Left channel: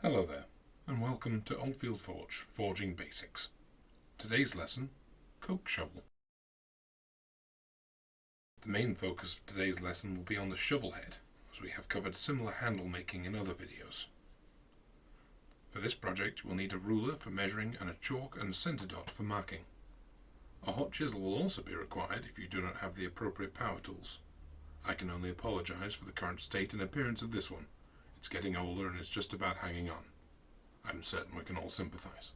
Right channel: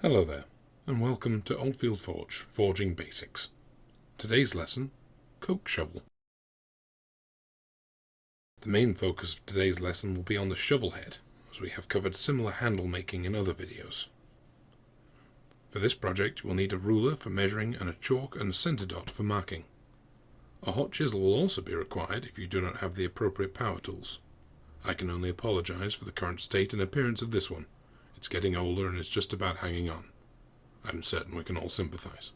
Hello there, and welcome to Oldfield Forge Forging Basics. Today's lesson, Coke Shovel. The main focus of today's lesson will be on the shovel head, as we have covered similar handle making in other videos. For this project you will need a ruler for measuring and a chalk and a centre dot for marking. A hot chisel will also be required if you do not have the appropriate power tools. I can only apologise for the current state and appearance of this one. It's getting older and is just about hanging on. I'm certain we can all sympathise.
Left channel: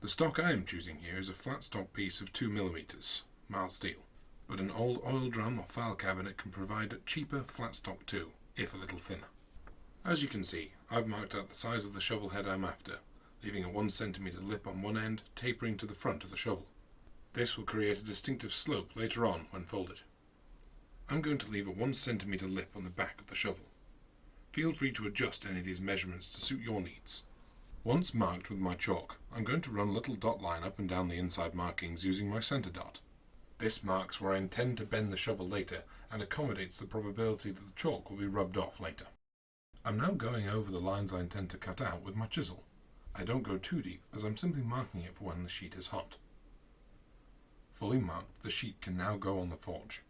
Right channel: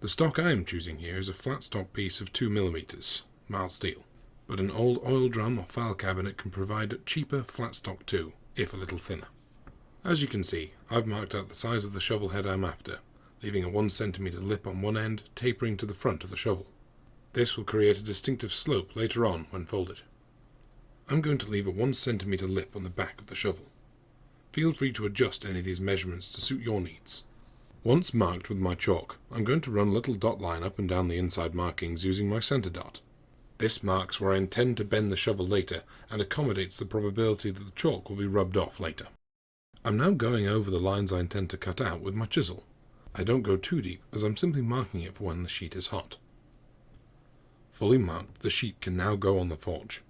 The stock I am choosing here is a flat stock piece of 2mm, mild steel, but an old oil drum or file cabinet can provide cheaper flat stock too, if a little thinner. As you can see, I've marked out the size of the shovel head I'm after, leaving a 1cm lip on one end tapering to the front of the shovel. This will create a distinctive slope later on when folded. I'm going to leave a 1cm lip on the back of the shovel. Feel free to adjust any of these measurements to suit your needs. Once marked with my chalk, I'm going to run a little dot line up and down the inside markings using my centre dot. This marks where I intend to bend the shovel later and accommodates the probability that the chalk will be rubbed off later. I'm now going over the lines I intend to cut out with my chisel. I don't go too deep as I'm simply marking it for when the sheet is hot. Fully marked, the sheet can now go on the forge.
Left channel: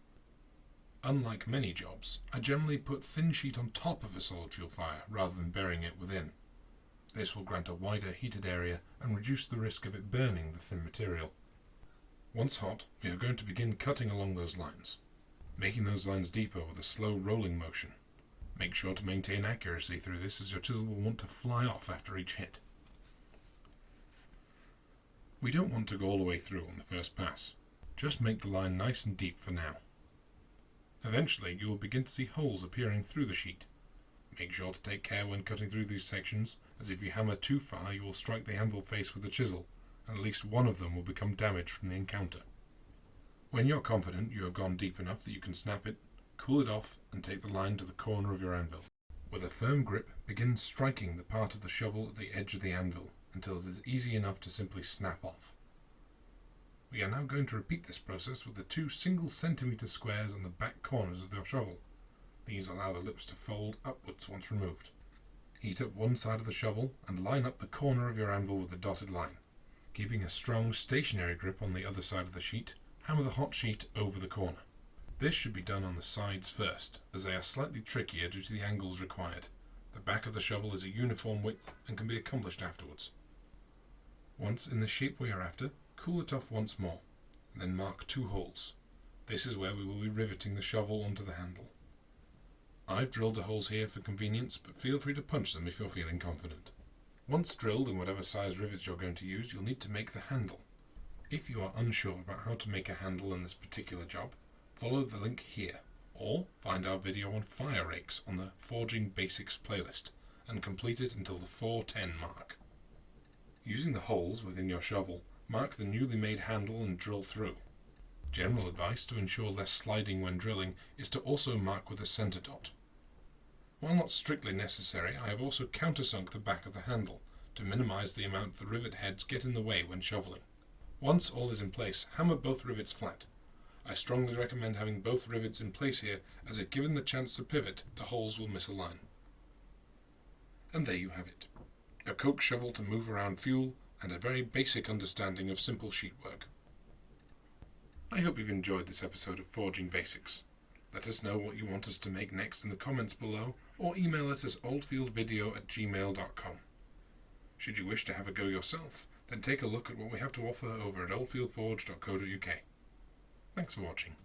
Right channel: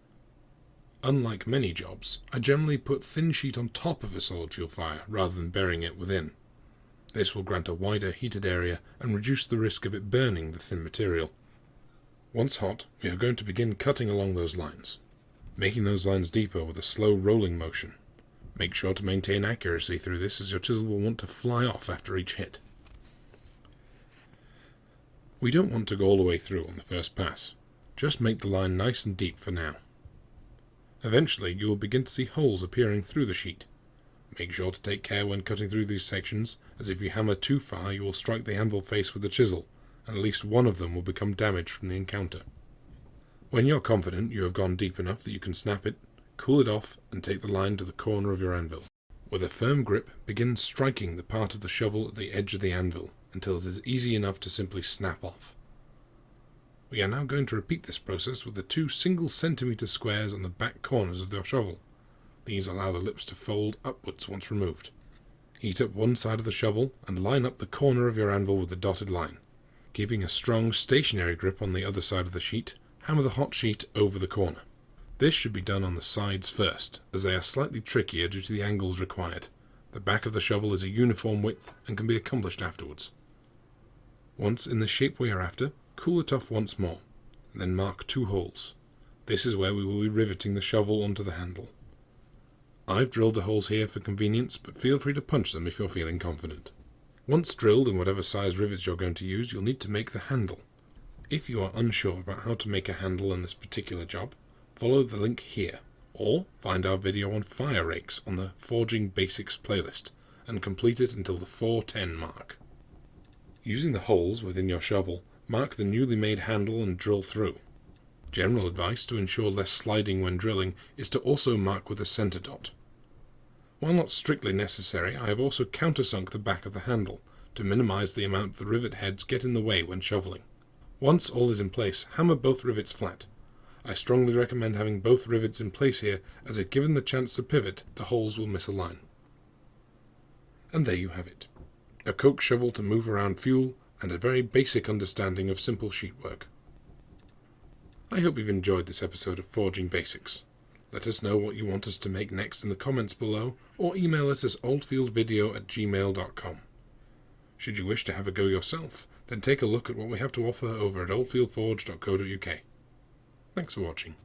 Unlike many jobs, I generally put thin sheet on top of a solid fuel fire rather than burying it within. This will grant a wider heated area and reduce the risk of it burning the thin material. Once hot, we are going to begin cutting along those lines, making those lines deeper with a slow rolling motion. Make sure to maintain accuracy through this as your chisel will want to fly off after each hit. We don't want to go all the way through on the first pass. Just make the line nice and deep for now. Eventually you will begin to see holes appearing through the sheet. Make sure to take care when cutting through these sections, as if you hammer too far you will strike the anvil face with the chisel, and at least one of them will become damaged from the encounter. When you're confident you have gone deep enough that you can snap it, cool it off and take the line to the corner of your anvil. With a firm grip, begin striking the part of the shovel at the edge of the anvil until it is easy enough to simply snap off. We are now going to repeat this process with the 2 single-centimetre squares on the back corners of your shovel. These allow the lips to fold upwards once removed. Heat up one side of the shovel and line up the corner of your anvil with the dotted line. Keeping a strong stationary grip on the other side of the sheet, hammer the hot sheet over the corner. This should be done on the sides first, as they are slightly trickier due to the angles required. The back of the shovel is a uniform width and can be accomplished afterwards. Once in the shape we are after, cool it off once more, and then mark 2 holes. This is where we will be riveting the shovel onto the handle. I've drilled the holes here for convenience, but feel free to punch them if you're feeling confident. Once drilled in whatever size rivets you're going to use, you'll need to make the handle. If you are unsure about how to make a handle in this particular job, follow the link here, or find our video on fire rakes on the Forging Basics playlist, and complete it until the 410 mark. Using the holes within your shovel, mark the newly made handle and drill through. General advice to ensure less sliding when drilling is to also mark with a centre dot. While not strictly necessary, I have also countersunk the back of the handle to minimise the amount the rivet heads get in the way when shovelling. Once all is in place, hammer both rivets flat. I strongly recommend having both rivets in place here, as if given the chance to pivot, the holes will misalign. And there you have it. A coke shovel to move around fuel, and a very basic understanding of simple sheet work. I hope you've enjoyed this episode of Forging Basics. Let us know what you want us to make next in the comments below, or email us at oldfieldvideo@gmail.com. Should you wish to have a go yourself, then take a look at what we have to offer over at oldfieldforge.co.uk. Thanks for watching.